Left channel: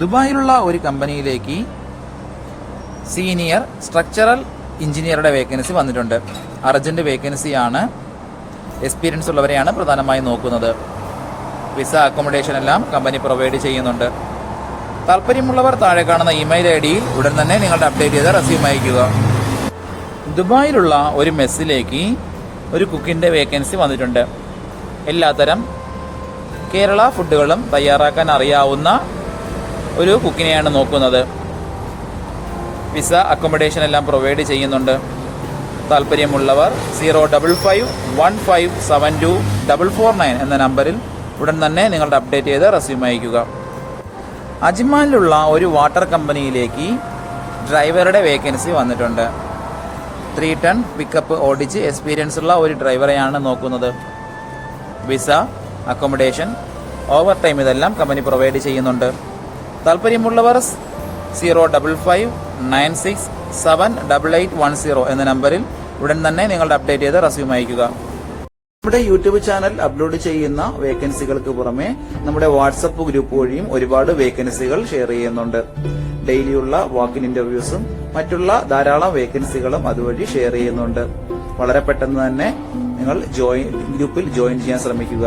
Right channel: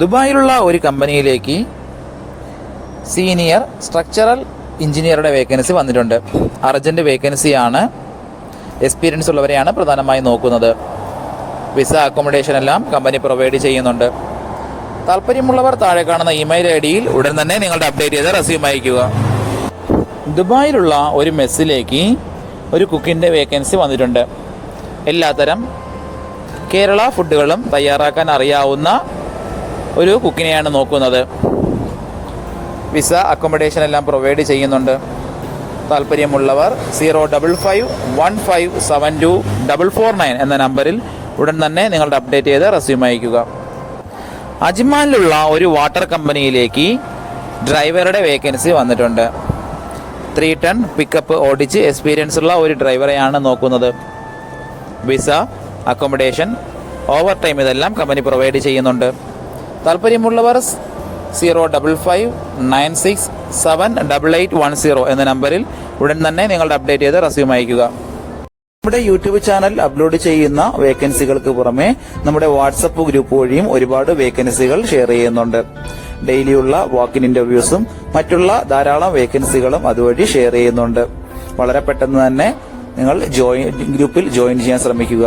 ദുബായിലുള്ള ഒരു കമ്പനിയിലേക്ക് senior structural എഞ്ചിനീയറുടെ വേക്കൻസി വന്നിട്ടുണ്ട്. അർജന്റ് വേക്കൻസിയാണ് എക്സ്പീരിയൻസ് ഉള്ളവരെയാണ് പ്രധാനമായും നോക്കുന്നത്. വിസ അക്കോമഡേഷൻ എല്ലാം കമ്പനി പ്രൊവൈഡ് ചെയ്യുന്നുണ്ട്. താല്പര്യമുള്ളവർ താഴെ കാണുന്ന ഇമെയിൽ ഐ ഡിയിൽ ഉടൻ തന്നെ നിങ്ങളുടെ അപ്ഡേറ്റ് ചെയ്ത റെസ്യൂം അയക്കുക ദുബായിലുള്ള ഒരു മെസ്സിലേക്ക് ഒരു കുക്കിന്റെ വേക്കൻസി വന്നിട്ടുണ്ട്. എല്ലാത്തരം കേരള ഫുഡുകളും തയ്യാറാക്കാൻ അറിയാവുന്ന ഒരു കുക്കിനെയാണ് നോക്കുന്നത്. വിസ അക്കോമഡേഷൻ എല്ലാം പ്രൊവൈഡ് ചെയ്യുന്നുണ്ട്. താല്പര്യമുള്ളവർ zero double five one five seven two double four nine എന്ന നമ്പറിൽ ഉടൻ തന്നെ നിങ്ങളുടെ അപ്ഡേറ്റ് ചെയ്ത് റെസ്യൂം അയക്കുക അജ്മാനിലുള്ള ഒരു വാട്ടർ കമ്പനിയിലേക്ക് ഡ്രൈവറുടെ വേക്കൻസി വന്നിട്ടുണ്ട്. ത്രീ ടൺ പിക്കപ്പ് ഓടിച്ച് എക്സ്പീരിയൻസ് ഉള്ള ഒരു ഡ്രൈവറെയാണ് നോക്കുന്നത്. വിസ അക്കോമഡേഷൻ ഓവർ ടൈം ഇതെല്ലാം കമ്പനി പ്രൊവൈഡ് ചെയ്യുന്നുണ്ട്. താല്പര്യമുള്ളവർ zero double five nine six seven double eight one zero എന്ന നമ്പറിൽ ഉടൻ തന്നെ നിങ്ങളുടെ അപ്ഡേറ്റ് ചെയ്ത് റെസ്യൂം അയക്കുക നമ്മുടെ യൂട്യൂബ് ചാനൽ അപ്ലോഡ് ചെയ്യുന്ന വേക്കൻസികൾക്ക് പുറമെ നമ്മുടെ വാട്സപ്പ് ഗ്രൂപ്പ് വഴിയും ഒരുപാട് വേക്കൻസികൾ ഷെയർ ചെയ്യുന്നുണ്ട്. ഡെയിലിയുള്ള വാക്കിൻ ഇന്റർവ്യൂസും മറ്റുള്ള ധാരാളം വേക്കൻസികളും അതുവഴി ഷെയർ ചെയ്യുന്നുണ്ട്. വളരെ പെട്ടെന്ന് തന്നെ നിങ്ങൾ ജോയിൻ ഗ്രൂപ്പിൽ ജോയിൻ ചെയ്യാൻ ശ്രമിക്കുക.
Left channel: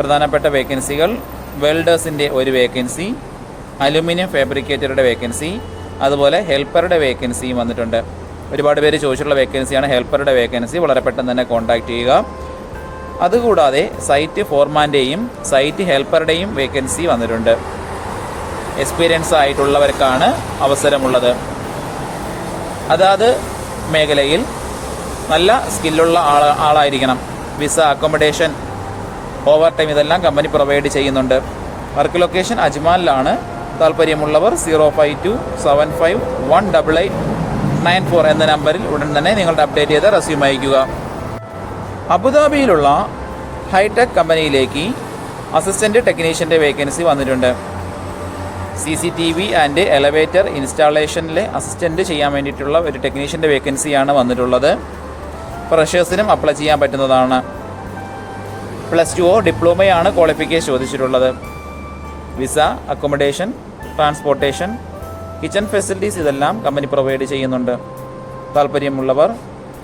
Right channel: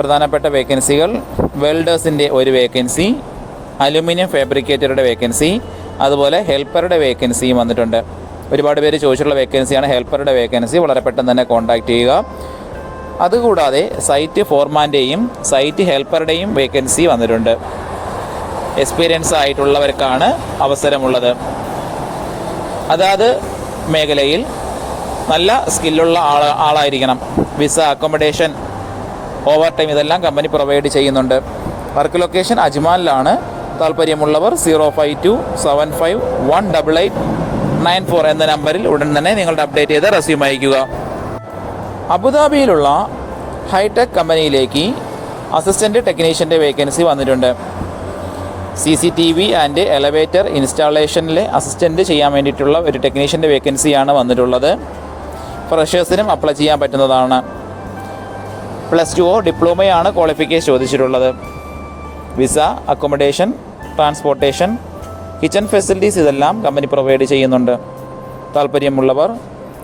പ്രധാനപ്പെട്ട വേക്കൻസികൾ വെൽഡേഴ്സിന്റെ ഒരു വേക്കൻസി അലുമിനിയം ഫാബ്രിക്കേറ്ററുടെ വേക്കൻസി അതുപോലെ ഹെൽപ്പറുടെ വേക്കൻസിയും വന്നിട്ടുണ്ട്. ഒരുപാട് പേര് ചോദിച്ചുള്ള വേക്കൻസിയാണ് ഹെൽപ്പറുടെ വേക്കൻസി വളരെ പെട്ടെന്ന് തന്നെ കോൺടാക്റ്റ് ചെയ്യുക. അതുകൂടാതെ സൈറ്റ് ഫോർമാന്റെയും സൈറ്റ് ഹെൽപ്പറുടെയും വേക്കൻസി വന്നിട്ടുണ്ട്. എക്സ്പീരിയൻസ് ആയിട്ടുള്ളവർക്കാണ് അവസരമുള്ളത്. അതാത് മേഖലയിൽ നല്ല സ്കില്ലുള്ള ആൾ ആളായിരിക്കണം. വിസ അക്കോമഡേഷൻ ഓവർ ടൈം ഇതെല്ലാം കമ്പനി പ്രൊവൈഡ് ചെയ്യുന്നുണ്ട്. വർക്ക് ലൊക്കേഷൻ അജ്മാനിലാണ് താല്പര്യമുള്ളവർ zero five two seven five one double eight nine four എന്ന നമ്പറിൽ ഉടൻ തന്നെ നിങ്ങളുടെ അപ്ഡേറ്റ് ചെയ്ത റെസ്യൂം അയക്കുക അബുദാബിയിലുള്ള ഹൈടെക് കമ്പനിയിലേക്ക് അസിസ്റ്റന്റ് ടെക്നീഷ്യന്റെ വേക്കൻസി വന്നിട്ടുണ്ട്. C C T V and elevator ഇൻസ്റ്റാളേഷനിലെ assistant ചെയ്യാൻ വേണ്ടിയിട്ടുള്ള ഒരു ടെക്നീഷ്യന്റെ വേക്കൻസിയാണ് വന്നിട്ടുള്ളത്. ഫ്രഷേഴ്സിനും അപ്ലൈ ചെയ്യാൻ പറ്റുന്നതാണ്. പ്ലസ് ടുവോ ഡിപ്ലോമയാണ് ക്വാളിഫിക്കേഷൻ ചോദിച്ചിട്ടുള്ളത്. Visa accommodation transportation kitchen facilities ഇതെല്ലാം കമ്പനി പ്രൊവൈഡ് ചെയ്യുന്നുണ്ട്. താല്പര്യമുള്ളവർ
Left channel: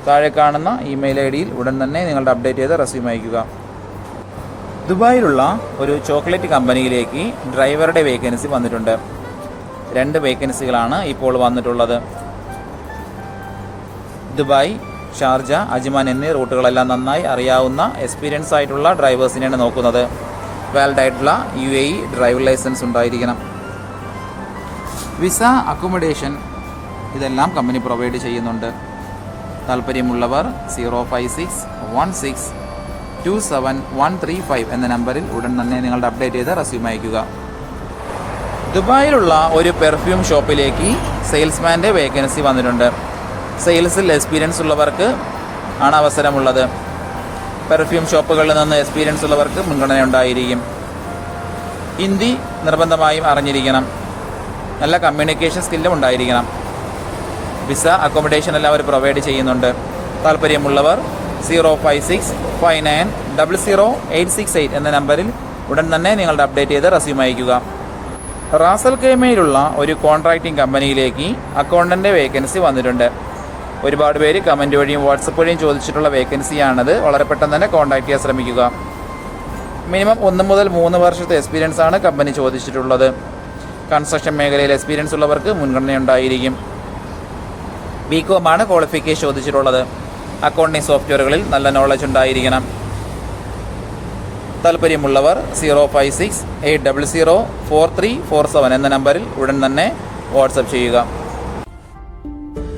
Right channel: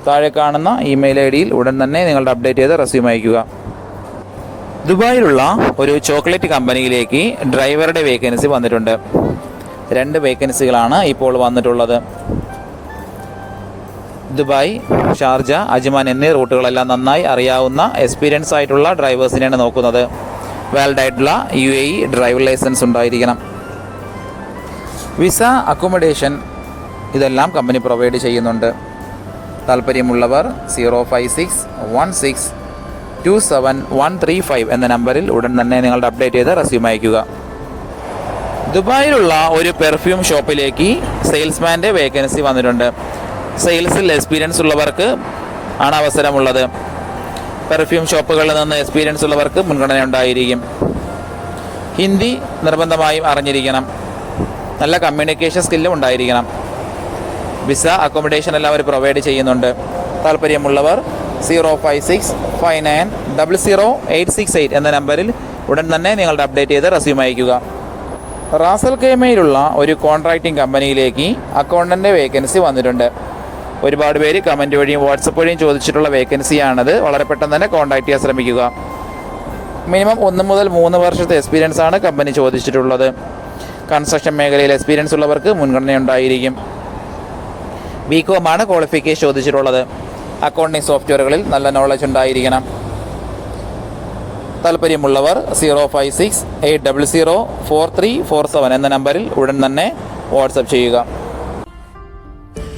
താഴെ കാണുന്ന ഇമെയിൽ ഐ ഡിയിൽ ഉടൻ തന്നെ നിങ്ങളുടെ അപ്ഡേറ്റ് ചെയ്ത് റെസ്യൂം അയക്കുക ദുബായിലുള്ള ഒരു ചോക്ലേറ്റ് കമ്പനിയിലേക്ക് ഡ്രൈവറുടെ വേക്കൻസി വന്നിട്ടുണ്ട്. രണ്ട് വേക്കൻസികളാണ് ഇപ്പോൾ വന്നിട്ടുള്ളത്. ദുബായ് ഷാർജ അജ്മാൻ എന്നീ റൂട്ടുകളെല്ലാം നന്നായി അറിയാവുന്ന എക്സ്പീരിയൻസ് ആയിട്ടുള്ള ഡ്രൈവേഴ്സിനെയാണ് നോക്കുന്നത്. വാലിഡ് ആയിട്ടുള്ള U A E driving licence ഉണ്ടായിരിക്കണം. വിസ അക്കോമഡേഷൻ ഇതെല്ലാം കമ്പനി പ്രൊവൈഡ് ചെയ്യുന്നുണ്ട്. താല്പര്യമുള്ളവർ zero five six one six two seven one three five എന്ന നമ്പറിൽ ഉടൻ തന്നെ നിങ്ങളുടെ അപ്ഡേറ്റ് ചെയ്ത് റെസ്യൂം അയക്കുക ദുബായിലുള്ള ഒരു പെർഫ്യൂം ഷോപ്പിലേക്ക് സെയിൽസ്മാന്റെ വേക്കൻസി വന്നിട്ടുണ്ട്. സെയിൽസിൽ എക്സ്പീരിയൻസ് ഉള്ളവർക്ക് ആണ് അവസരമുള്ളത്. പെർഫ്യൂം ഷോപ്പുകളിൽ നിന്ന് എക്സ്പീരിയൻസ് ഉള്ളവർക്ക് മുൻഗണന ഉണ്ടായിരിക്കും. ഹിന്ദി നിർബന്ധമായും അറിഞ്ഞിരിക്കണം. നല്ല കമ്മ്യൂണിക്കേഷൻ സ്കില്ലും ഉണ്ടായിരിക്കണം. വിസ അക്കോമഡേഷൻ എല്ലാം അവർ പ്രൊവൈഡ് ചെയ്യുന്നുണ്ട്. താല്പര്യമുള്ളവർ zero five six five nine double zero eight six eight എന്ന നമ്പറിൽ ഉടൻ തന്നെ നിങ്ങളുടെ അപ്ഡേറ്റ് ചെയ്ത് റെസ്യൂം അയക്കുക റാസൽ കേമയിലുള്ള ഒരു കോൺട്രാക്റ്റിംഗ് കമ്പനിയിലേക്ക് അക്കൗണ്ടന്റെ വേക്കൻസി വന്നിട്ടുണ്ട്. ഒരുപാട് പേര് കമന്റ് വഴിയും വാട്സപ്പ് വഴിയും ചോദിച്ചിട്ടുള്ള വേക്കൻസിയാണത് വളരെ പെട്ടെന്ന് തന്നെ കോൺടാക്ട് ചെയ്യാൻ ശ്രമിക്കുക. മിനിമം ഒന്ന് മുതൽ മൂന്ന് വർഷത്തെ എക്സ്പീരിയൻസ് ആണ് കമ്പനി ചോദിച്ചിട്ടുള്ളത്. കൺസ്ട്രക്ഷൻ മേഖലയിൽ എക്സ്പീരിയൻസ് ഉള്ളവർക്ക് മുൻഗണന ഉണ്ടായിരിക്കും. ബി കോമാണ് ക്വാളിഫിക്കേഷൻ ചോദിച്ചിട്ടുള്ളത്. അക്കൗണ്ടിംഗ് സോഫ്റ്റ്വെയറുകളിൽ നല്ല നോളജ് ഉണ്ടായിരിക്കണം. താല്പര്യമുള്ളവർ zero five six eight double zero four three four seven എന്ന നമ്പറിൽ ഉടൻ തന്നെ വാട്സപ്പ് ചെയ്യുക.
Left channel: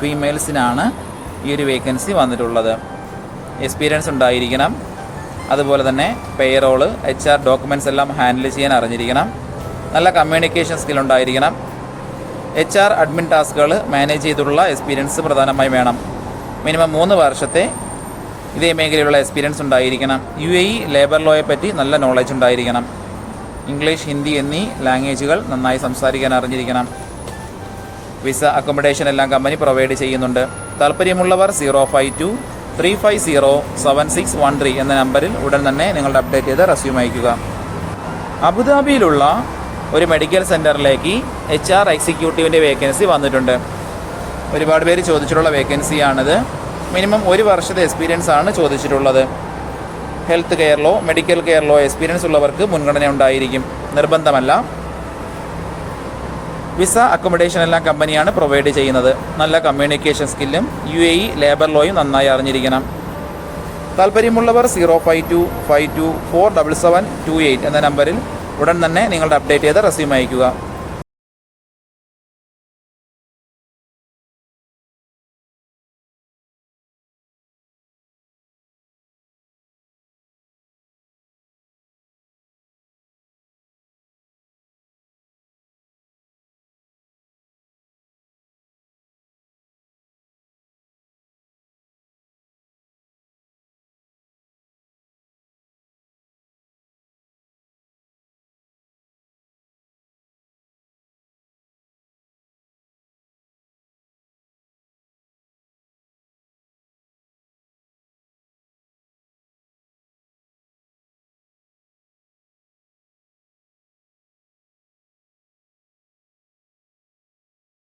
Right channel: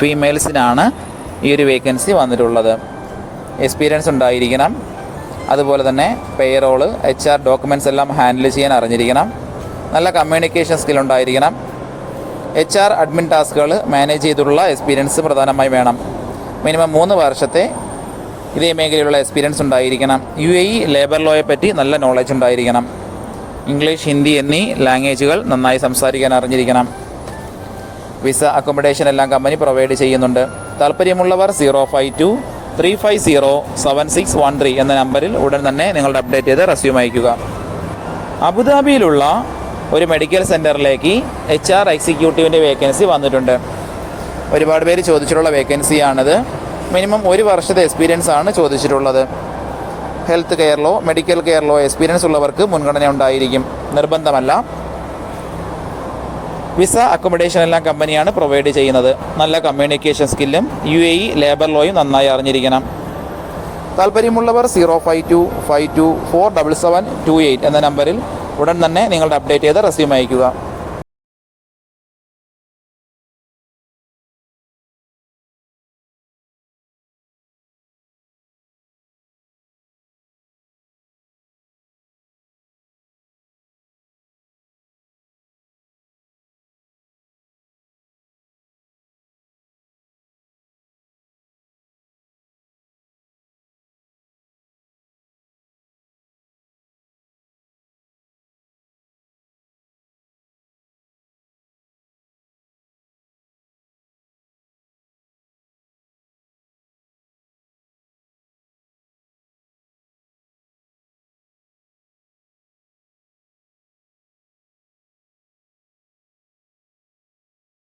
ഫീമെയിൽസിനാണ് ഈ ഒരു വേക്കൻസി വന്നിട്ടുള്ളത്. എക്സ്പീരിയൻസ് ഉണ്ടായിരിക്കണം. അതുപോലെ തന്നെ പേറോൾ എച്ച് ആർ ഡോക്യുമെന്റ്സ് എല്ലാം ഹാൻഡിൽ ചെയ്യാൻ അറിഞ്ഞിരിക്കണം. നല്ല കമ്മ്യൂണിക്കേഷൻ സ്കിൽ ഉണ്ടായിരിക്കണം. എച്ച് ആർ അഡ്മിൻ ടാസ്കുകൾ മാനേജ് ചെയ്തിട്ടുള്ള എക്സ്പീരിയൻസ് പ്രധാനമായും വേണം. മിനിമം മൂന്ന് വർഷത്തെ ഇതേ മേഖലയിലുള്ള എക്സ്പീരിയൻസ് ഉണ്ടായിരിക്കണം. യു എ ഇ ലേബർ ലോയെ പറ്റി നല്ല നോളജ് ഉണ്ടായിരിക്കണം. ഇംഗ്ലീഷ് ഹിന്ദി എന്നീ ലാംഗ്വേജുകൾ നന്നായി സംസാരിക്കാൻ അറിഞ്ഞിരിക്കണം. വിസ അക്കോമഡേഷൻ എല്ലാം കമ്പനി പ്രൊവൈഡ് ചെയ്യുന്നുണ്ട്. താല്പര്യമുള്ളവർ zero five two three five zero seven six one three എന്ന നമ്പറിൽ ഉടൻ തന്നെ നിങ്ങളുടെ അപ്ഡേറ്റ് ചെയ്ത് റെസ്യൂം അയക്കുക അബുദാബിയിലുള്ള ഒരു മെഡിക്കൽ സെന്ററിലേക്ക് എച്ച് ആർ എക്സിക്യൂട്ടീവിന്റെ വേക്കൻസി വന്നിട്ടുണ്ട്. ഒരുപാട് പേര് ചോദിച്ചിട്ടുള്ള വേക്കൻസിയാണിത് മിനിമം ഒരു വർഷത്തെ എക്സ്പീരിയൻസ് ആണ് ചോദിച്ചിട്ടുള്ളത്. ഹെൽത്ത് കെയറിലോ മെഡിക്കൽ കെയറിലോ എക്സ്പീരിയൻസ് ഉള്ളവർക്ക് മുൻഗണന ഉണ്ടായിരിക്കും. നിർബന്ധമല്ല. വിസ അക്കോമഡേഷൻ എല്ലാം കമ്പനിയാണ് പ്രൊവൈഡ് ചെയ്യുന്നത്. നല്ല കമ്മ്യൂണിക്കേഷൻ സ്കില്ലും യു എ ഇ ലേബർ ലോയും നന്നായി അറിഞ്ഞിരിക്കണം. താല്പര്യമുള്ളവർ zero five two five two four double seven two eight എന്ന നമ്പറിൽ ഉടൻ തന്നെ നിങ്ങളുടെ അപ്ഡേറ്റ് ചെയ്ത റെസ്യൂം അയയ്ക്കുക.